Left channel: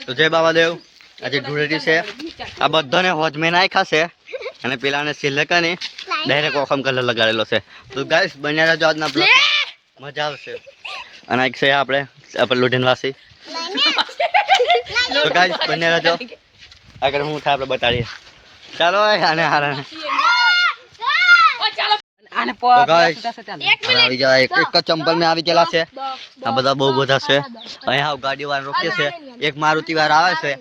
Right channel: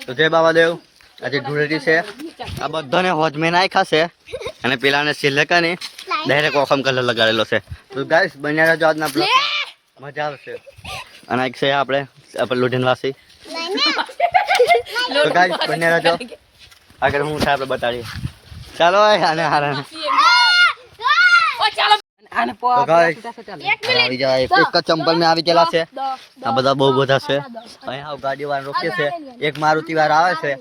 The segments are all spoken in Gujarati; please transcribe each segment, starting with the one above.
તો જય બાબાદેવ આજે ધૂળેટી છે આ બધાને હોજમે નાખ્યા છે અને પેલાને સિલકાની ડાયરેક્ટ ઓખમ કલર લગાડેલો છે તો ગાઈસ બન્યા રહેજો આજના બ્લોગ મજા આવશે અને એક છે આપણે લુઢીનવાસી તો ગાઈસ બન્યા રહેજો આગળ હું થાય આપણે બતાડીએ ચાલો આને હારાને તો ગાઈસ આવી જાય એક ચંપલ મેં આવી ગયેલા છે આ બધા બહુ બધા છે અહીંયા ગાડી વાળા રોકે છે એક મારુતિ વાળા આવે છે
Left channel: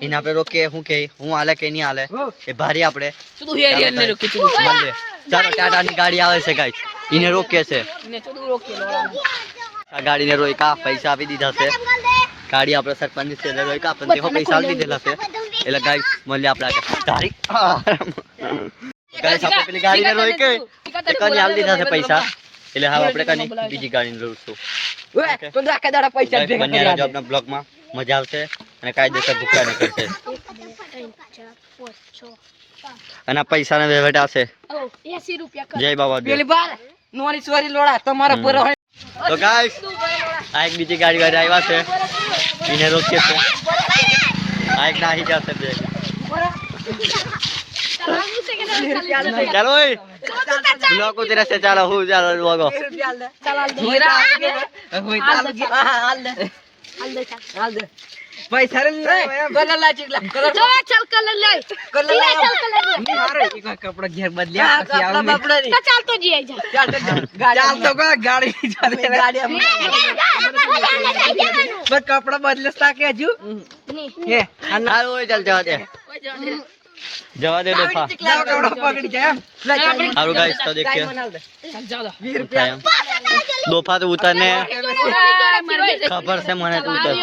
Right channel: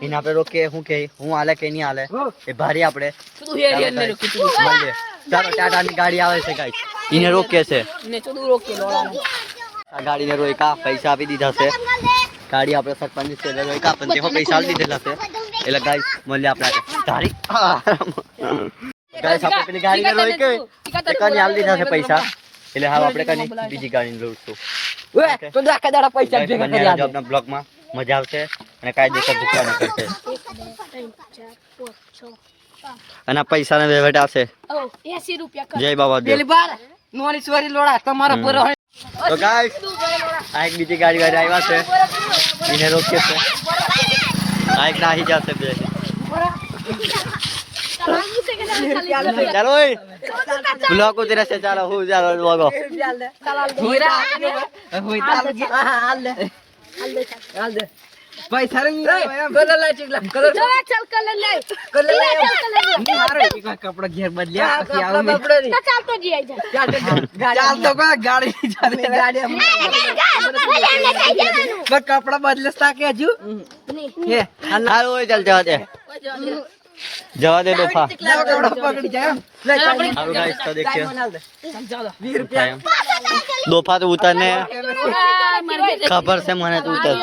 એને આપણે રોકીએ શું કે હું હાલે કે નહીં હાલે એ ભારી આપણે મળીએ ચાલો ટાટાની ગાડી આવે છે ગાઈસ એને રોકે છે આ ગાડીને રોક્યા પૈસા આપી દીધા છે ગાડી આપણે સરપંચ છે રોક્યા પણ તેઓ પૈસા આપી દીધેલા છે એટલે ગાઈસ મળીએ આપણે તારીખ ગાઈસ આપણે પેલી ગાડીને રોકે તે કની હાલ દીધા છે પૈસા એટલે હવે આપણે કની બીજી ગાડીને લઉંશું તો દાખા દાડા પૈસા ભેગા કરી આવજો આપણા બ્લોગમાં મજા આવશે અને કાયદેસર ભૂખ્યા ન કરશે અને પૈસાને વહીવટ આવશે 80 રૂપિયા જય બાબા પેલી બાર નોની સોરી લોડા તમારો પૂરો હોય તો ગાઈસ આ એક બીજી ગાડી વાળી આવ્યા છે એને રોકે છે આ એક નાહી જશે બે ચાલો ઓય બ્લોગ ઉતરે છે ચાલો હું ચાલો લોગો પૈસા રે કલર લા ચીકલા કલર ચાલ કલર લે કલર લે મારે એક કપડા ઘેર બદલ્યા પછી આવું તો ચાલતો જી આઈ જા ચાલ તો કો ગાડી ચાલે ગાડી બસ કપડા બદલસ તાકે હજુ હે હાલ ઓય ચાલ જવા દે દોફા કપડા પકડી જાય હારું ગાઈસ તો દેખીએ દોફા તો ઉતરને ખબર છે મને તો ઉતર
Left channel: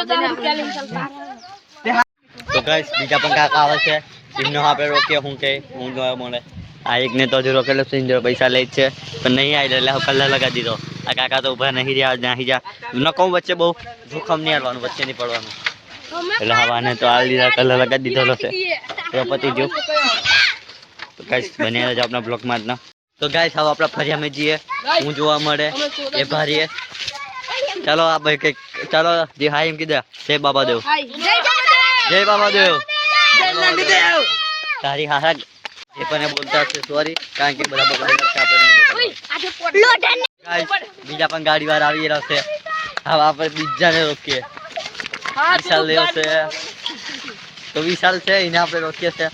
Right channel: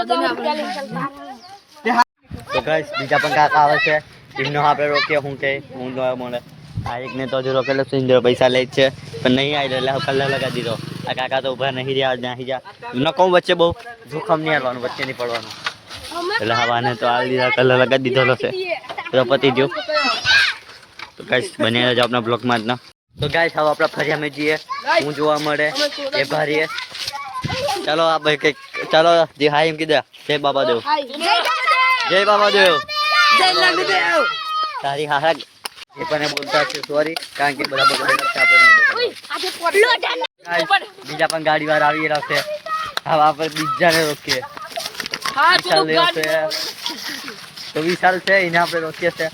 તો ગાઈસ બીજા પણ કાકા આવે છે એમનો આપણે રોકીએ હું કે હું જોવા મળે આ એકને તો હજુ રોકેલો છે ઇન્દિરા પૈસા લે છે પણ નહીં આવી એટલે કલર લગાવી દીધો આ કાકા તો ઉભા નહીં રહ્યા નાહી જા નકો વચ્ચે બહુ જોખમ નહીં આવવાનું વચ્ચે નહીં પડવાનું એટલે હવાને તો આ લીધા કલર લગાવી દીધો છે તો પતી ગયો તો ગાઈસ બને રહેજો આપણા બ્લોગમાં જ તો ગાઈસ હવે આપણા ફરિયામાં જઈએ હું જોવા મળે એ ભારીએ ચાલો આ ભાઈ કઈક ચાલો જે હાય એમ કીધા જય બાબાદેવ જય બાબાદેવ તારી હારા જે પણ બોલતા છે સોરી કારણ કે બધા બગડેલા છે આપણે બીજા પણ ગાડી વાર આવી રહ્યા છે હવે આપણે બીજાને રોકીએ વિશાલ લેવો છે તો વિશાલ છે એને આપણે રોકીએ છે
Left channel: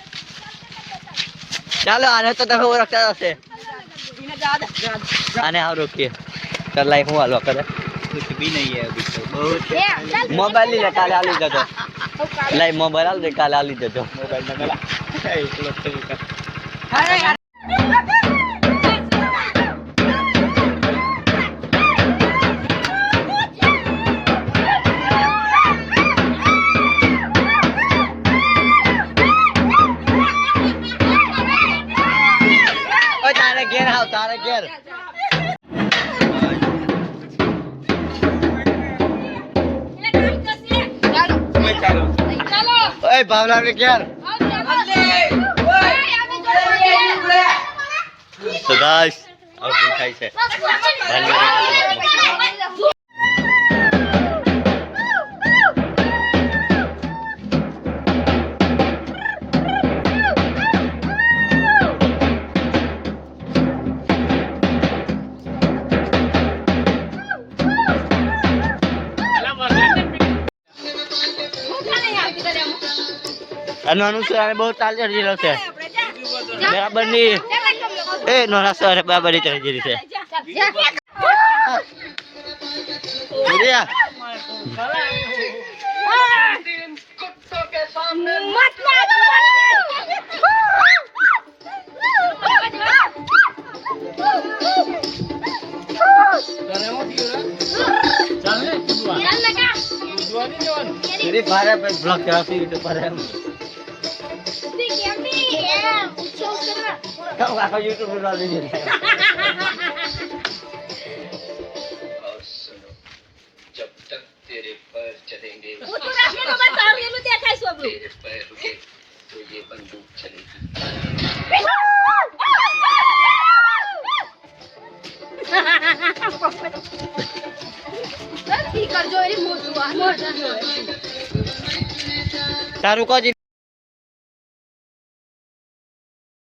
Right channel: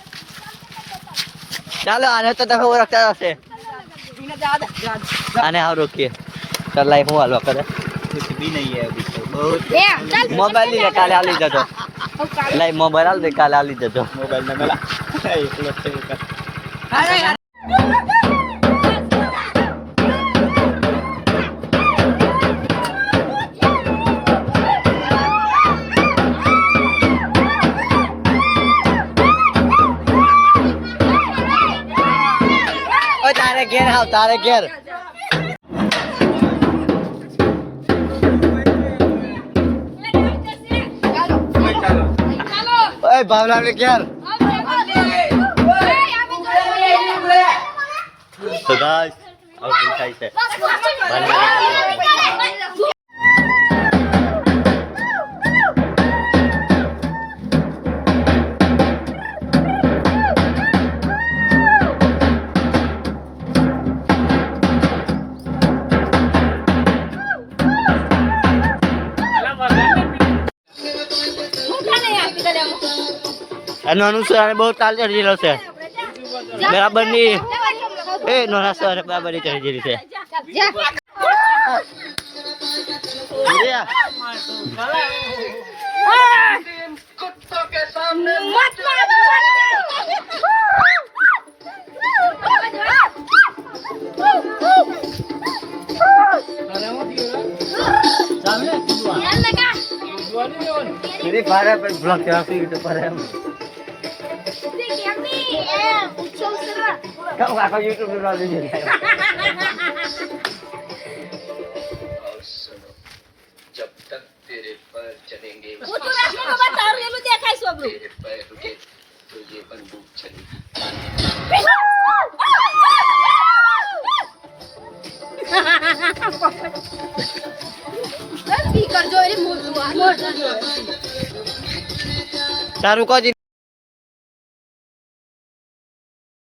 ચાલો આને તો તમે ઓળખતા હશે આને આવ રોકીએ ચાલ લાઈ હું હાલવા કરે कुछ भी नहीं है अभी तो बहुत मोबाइल ही काले आली जतो लाई मोबाइल आल दे काले आली जतो मोबाइल न मला एक लोग का अरे यार ओ तारे घेर हां तारे घेर ओए बावला ने क्या तो गाइस अब दिखाई से अनुसार बहुत ताल चढ़ी રહ્યો છે બરાબર ની એ નોના સર બરાબર ની ચડી રહી છે मेरे बारे पे ब्लॉक करा सी यूट्यूब पर है कब आको यूट्यूब पर डाल दीजिए जब तक तेरे पैर चलेंगे वो तो रात में बता रही हूं देखा है सब तेरे पैर रुके तो ये बंदूक चलेगी स्पीकर जो रे मोटू आ તારું કહો